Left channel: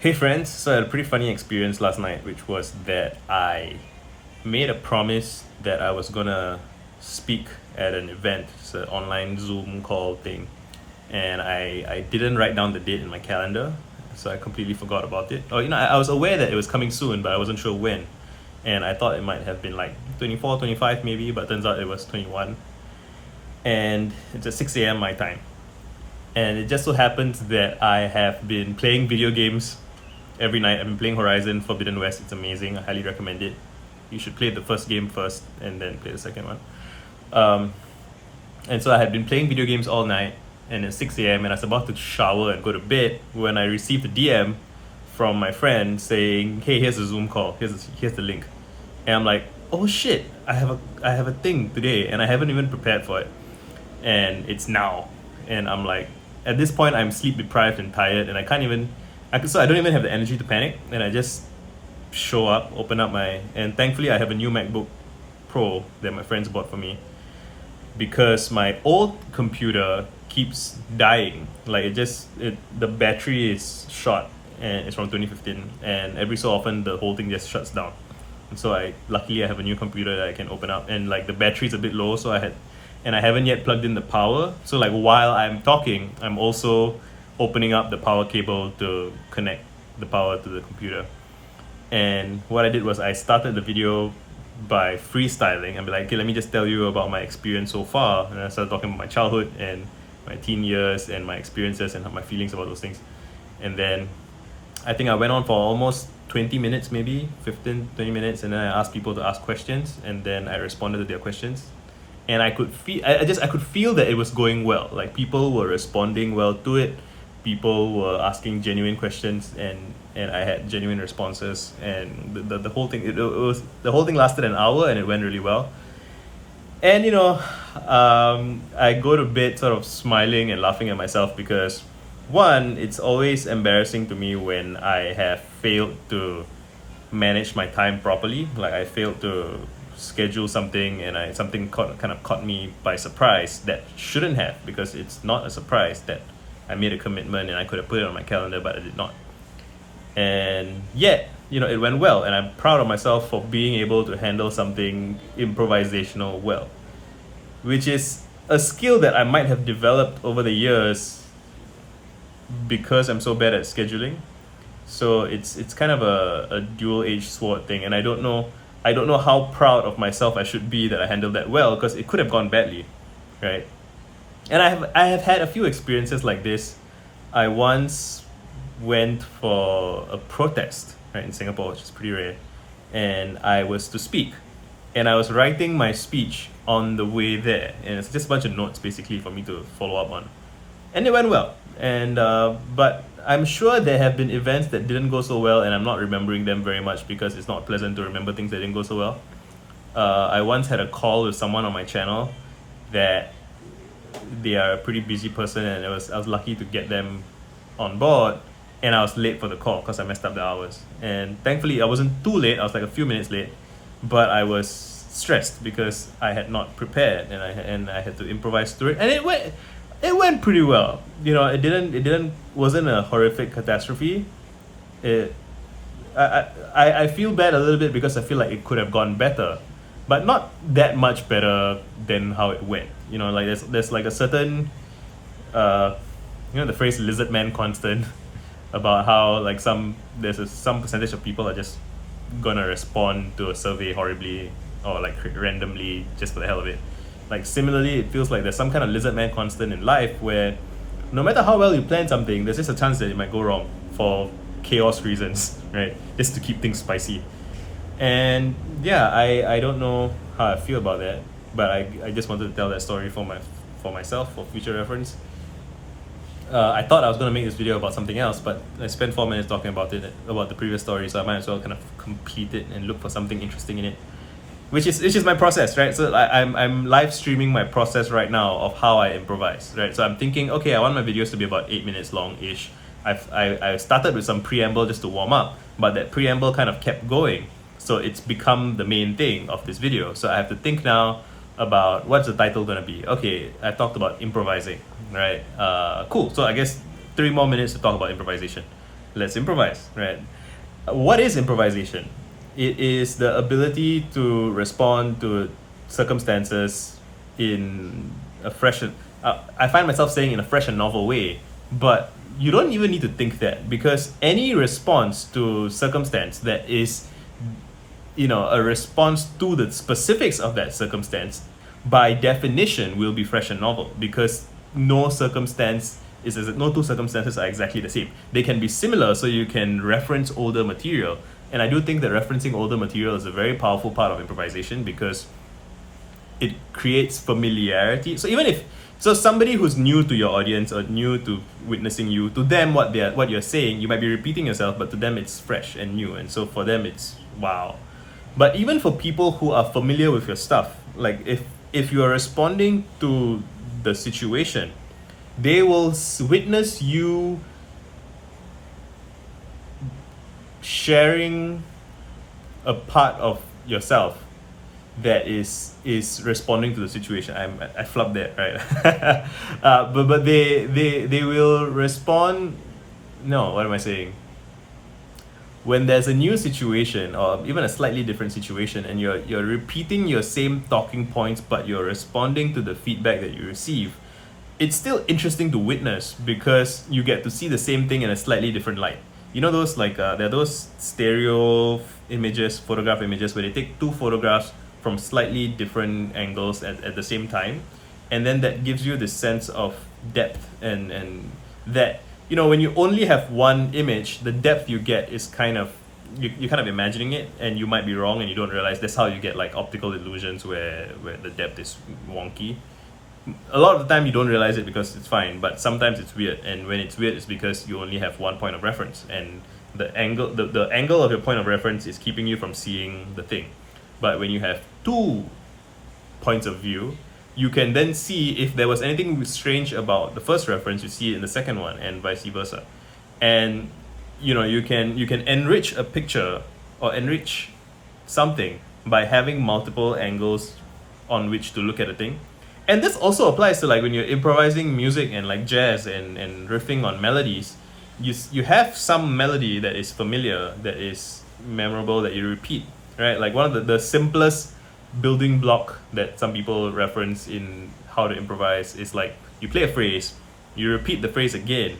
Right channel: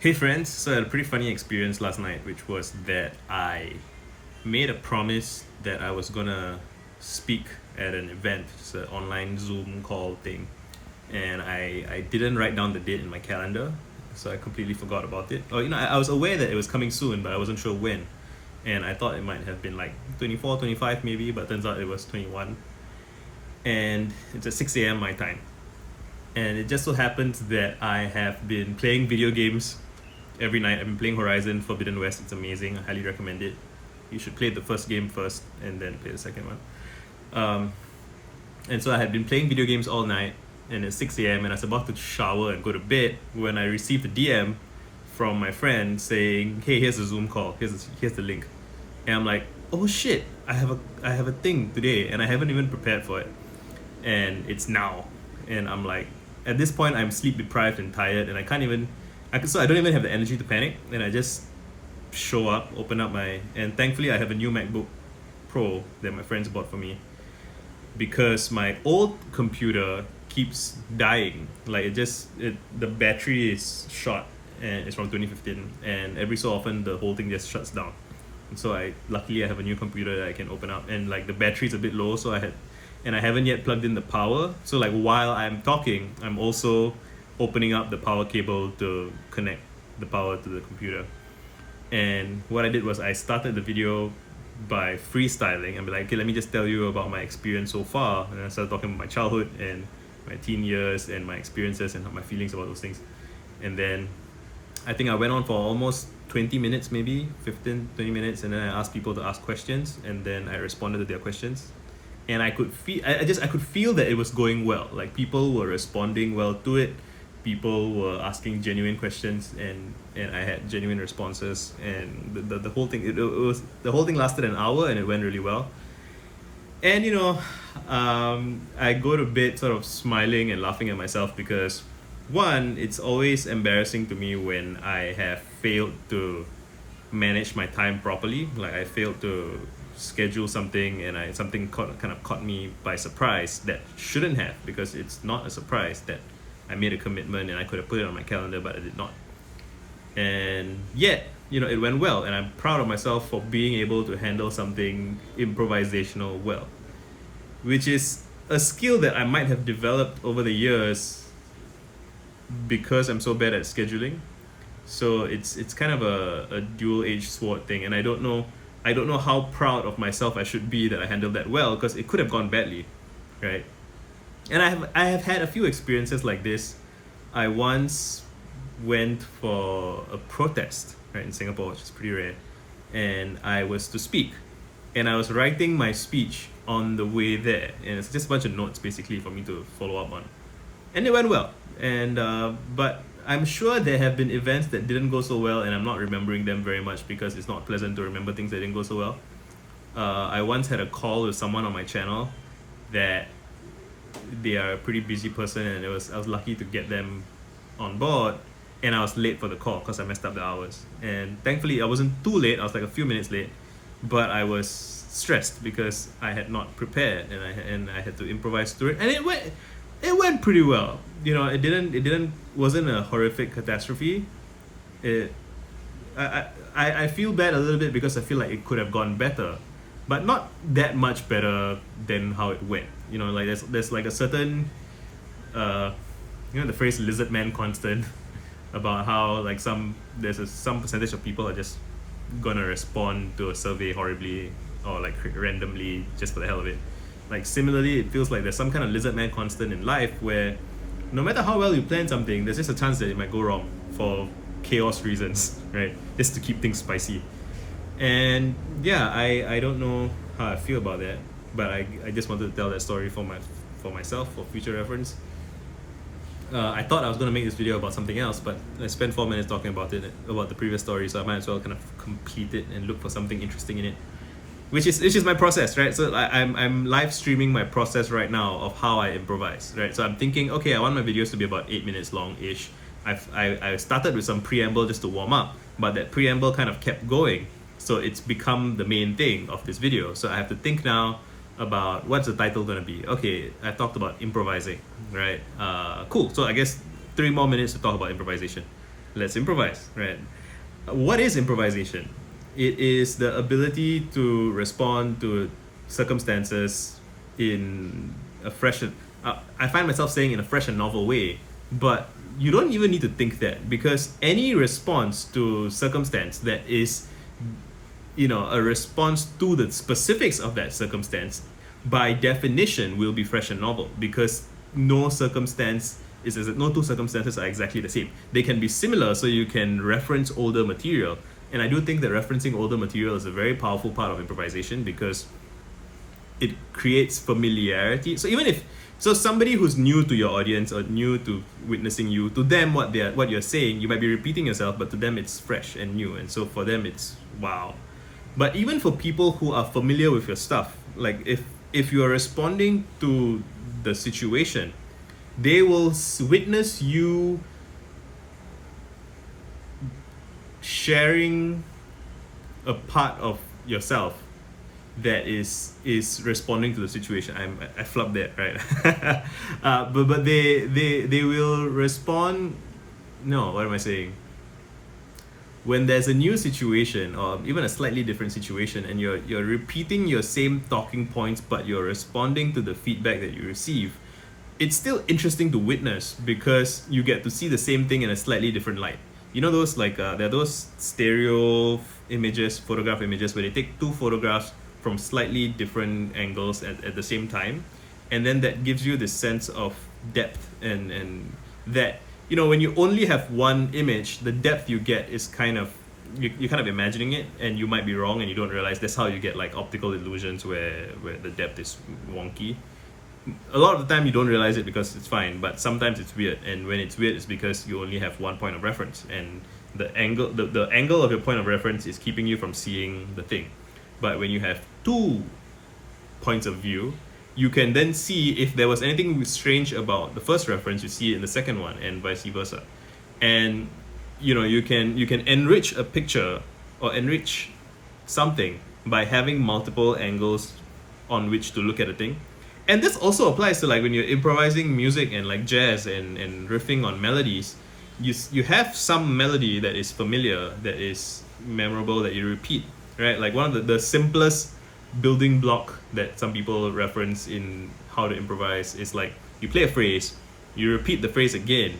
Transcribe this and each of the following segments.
Hey friends, so I had a pretty funny experience last night, which was that I made a promise that I was gonna speak at an event. It's an online Zoom call thing. And I didn't write down the date in my calendar, so I completely forgot about it. I was aware that it was coming soon, but I wasn't sure when. And I thought it might have been like 24, 25 maybe, but turns out it was 21. And it's at 6 a.m. my time. And it just so happens that I have been playing video games every night. I've been playing Horizon Forbidden West. It's amazing. I highly recommend it. You should play the first game first and then play the second one. Um, and so I had been playing video games all night, and it's 6 a.m. and I was about to shower and go to bed when I received a DM from my friend saying, "Hey, here's a Zoom call. Here's the link." And I'm like, "Oh shit! I have a thing today, and I haven't even prepared for it, and it's now." And I'm like, at this point, I'm sleep deprived and tired, and so I don't even have the energy to panic, and I just show up, open up and thankfully I have a new MacBook Pro that my friends bought for me, because my old computer keeps dying. Like the battery is short, and it's from 2015, and every so often the whole thing just shuts down. And so luckily I have a new computer that I can open up, and like the battery's a bit low, so I haven't yet plugged in the power. So like while I'm talking, I'm also opening up the power cable to connect the power to the computer. And what I did was I started the video by freestyling and be like, okay, let me just tell you about my experience so far. And I started talking about my childhood and my teen years and my experiences and my feelings about those things. And then I think I went on for almost 20 minutes, maybe 15, 20 minutes. And then I asked people to ask questions, and then I responded to their questions. And I could feel, I could feel that it was going well. Like people were responding well to it. People were asking genuine questions, and I had genuine responses. And the whole thing, the whole thing lasted an hour, and it went really well. And I go to bed sort of smiling and laughing at myself because, one, it's always embarrassing to me when I have failed to manage my time properly. Like I failed to schedule something, and something kind of caught me by surprise that shouldn't have, because it's not a surprise that I made a commitment and I could have put it on my calendar, but I did not. And yet, it went well, and I'm proud of myself for being able to handle something improvisational well, which is a skill that I might have developed over the years because I'm so bad at scheduling. So it's kind of a dual-edged sword thing, and I don't know how proud of myself I should be that I handled that well, because it could have gone badly, right? And I have had a few experiences like this. I once went for a protest, right, in Singapore, which is pretty rare, and I was to speak, and I was writing my speech on the way there, and it's just a bunch of notes basically for me to follow up on, and it went well. And but I'm sure there have been events that didn't go so well, and I'm not remembering them very much because it's not pleasant to remember things that didn't go so well. I once had a call with someone on my channel that they are a pretty busy person, and I was lucky to get them on board, and I was late for the call because I messed up the hours. And thankfully I wasn't too late. I was like a few minutes late, but I was stressed because I had not prepared, and I had to improvise through it, and it went pretty well. It wasn't a horrific catastrophe. I feel bad a little bit because I feel like it could have gone better, but not that much better than how it went. Like there's like a certain the phrase "lizard man" constant about how like some percentage of people are just gonna respond to a survey horribly, or like randomly, just for the hell of it. Like similarly, it feels like there's some kind of lizard man constant in life where no matter how well you plan something, there's just a chance that it might go wrong for chaos reasons, right? Just to keep things spicy. And yeah, I don't know how I feel about that, but I just wanted to tell that story for myself for future reference. I thought I was going to make this video about something else, but I spent 4 minutes talking about the previous story, so I might as well kind of complete it and look for something interesting in it, which is my process, right? So I'm live streaming my process right now of how I improvise, right? So I'm thinking, okay, I want my videos to be about 8 minutes long-ish. I started with some preamble just to warm up, but that preamble kind of kept going, so it's become the main thing of this video. So I have to think now about what's the title gonna be. Okay, I talked about improvising, right? Cool. So I guess 3 more minutes to talk about improvisation. let's improvise, right? What is improvisation? It is the ability to respond to circumstances in a fresh, I find myself saying in a fresh and novel way, but you don't even need to think that, because any response to circumstance that is, a response to the specifics of that circumstance, by definition will be fresh and novel, because no circumstance no two circumstances are exactly the same. They can be similar, so you can reference older material. And I do think that referencing older material is a very powerful part of improvisation, because it creates familiarity. So somebody who's new to your audience or new to witnessing you, to them what you're saying, you might be repeating yourself, but to them it's fresh and new, and so for them it's wow. But even for people who are familiar with your stuff, like if you are responding to the situation, they will witness you sharing a part of yourself that is responding to the situation. I flubbed that, right? But they will respond. No, what am I saying? When there's a new situation or even a slightly different situation, and you're repeating your same talking points, but you're responding to the feedback that you receive, it's still interesting to witness, because you get to see the same thing in a slightly different light. You know those there are those stereo images, photograph images, where they take two photographs from slightly different angles at the same time, and then that gives you this sense of depth, and that, when you only have one image, the depth you get is kind of, you're kind of imagining it, and you might be wrong and you don't realize. That's how you get like optical illusions where the depth is wonky. A lot of the time you don't realize it because it's fine, but sometimes it's weird, and when it's weird it's because you only have one point of reference, and the angle of your point of reference is keeping you from seeing the thing. But when you have two points of view, you can then see if there was anything strange about the first reference, you see it in the second one, and vice versa. And you can enrich a picture or enrich something by having multiple angles on which to look at a thing. And this also applies to like when you're improvising music and like jazz and riffing on melodies. You have some melody that is familiar, that is memorable, that you repeat, right? Like one of the simplest building block that some people reference in how to improvise is like, you play a phrase, you repeat the phrase again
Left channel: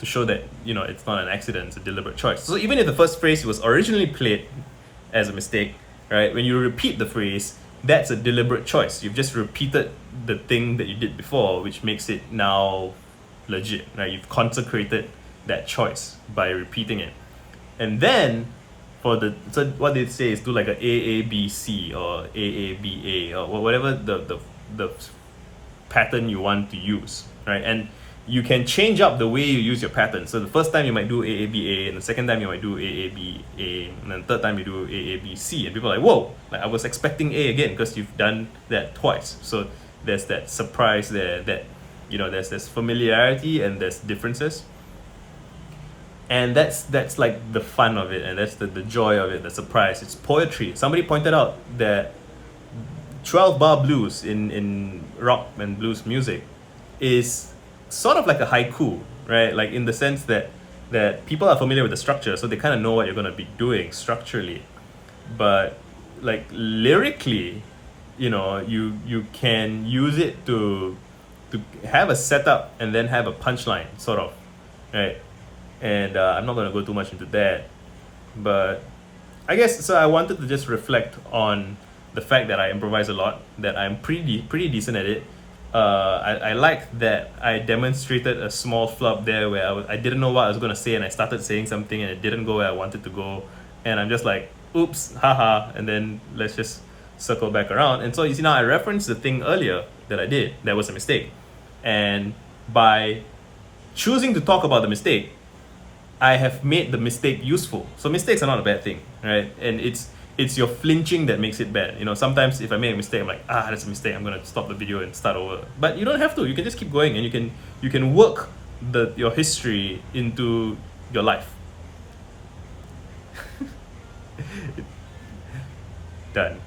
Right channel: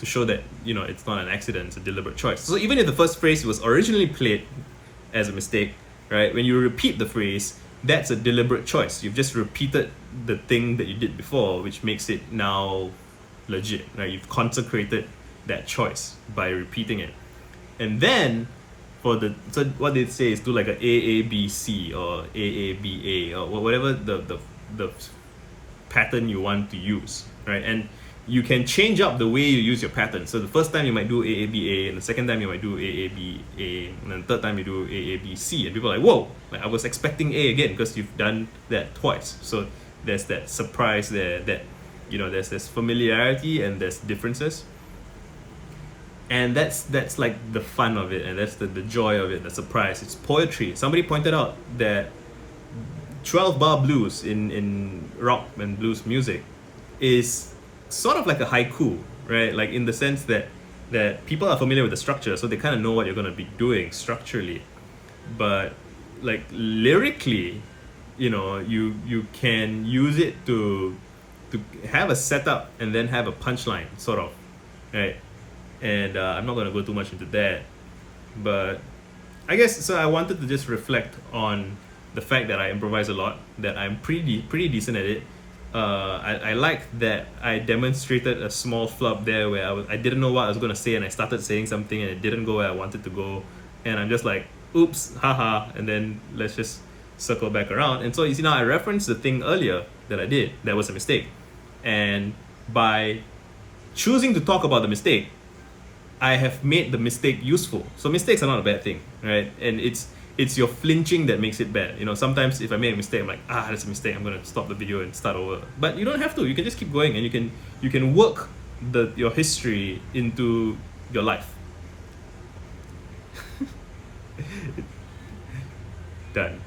to show that it's not an accident, it's a deliberate choice. So even if the first phrase was originally played as a mistake, right, when you repeat the phrase, that's a deliberate choice. You've just repeated the thing that you did before, which makes it now legit, right? You've consecrated that choice by repeating it. And then so what they say is do like a AABC or AABA or whatever the pattern you want to use, right? And you can change up the way you use your pattern. So the first time you might do AABA, and the second time you might do AABA, and then the third time you do AABC, and people are like, whoa, like I was expecting A again, because you've done that twice. So there's that surprise there, that there's this familiarity and there's differences. And that's like the fun of it, and that's the joy of it, the surprise. It's poetry. Somebody pointed out that 12-bar blues in rock and blues music is sort of like a haiku, right? Like in the sense that people are familiar with the structure, so they kind of know what you're going to be doing structurally. But like lyrically, you can use it to have a setup and then have a punchline, sort of, right? And I'm not going to go too much into that, but I guess so. I wanted to just reflect on the fact that I improvise a lot, that I'm pretty decent at it. I like that I demonstrated a small flub there where I didn't know what I was going to say, and I started saying something and it didn't go where I wanted to go, and I'm just like, oops, haha, and then let's just circle back around. And so you see, now I referenced the thing earlier that I did that was a mistake, and by choosing to talk about the mistake, I have made the mistake useful. So mistakes are not a bad thing, right? And it's your flinching that makes it bad. Sometimes if I make a mistake, I'm like, that's a mistake, I'm gonna stop the video and start over. But you don't have to. You can just keep going, and you can work your history into your life. Done.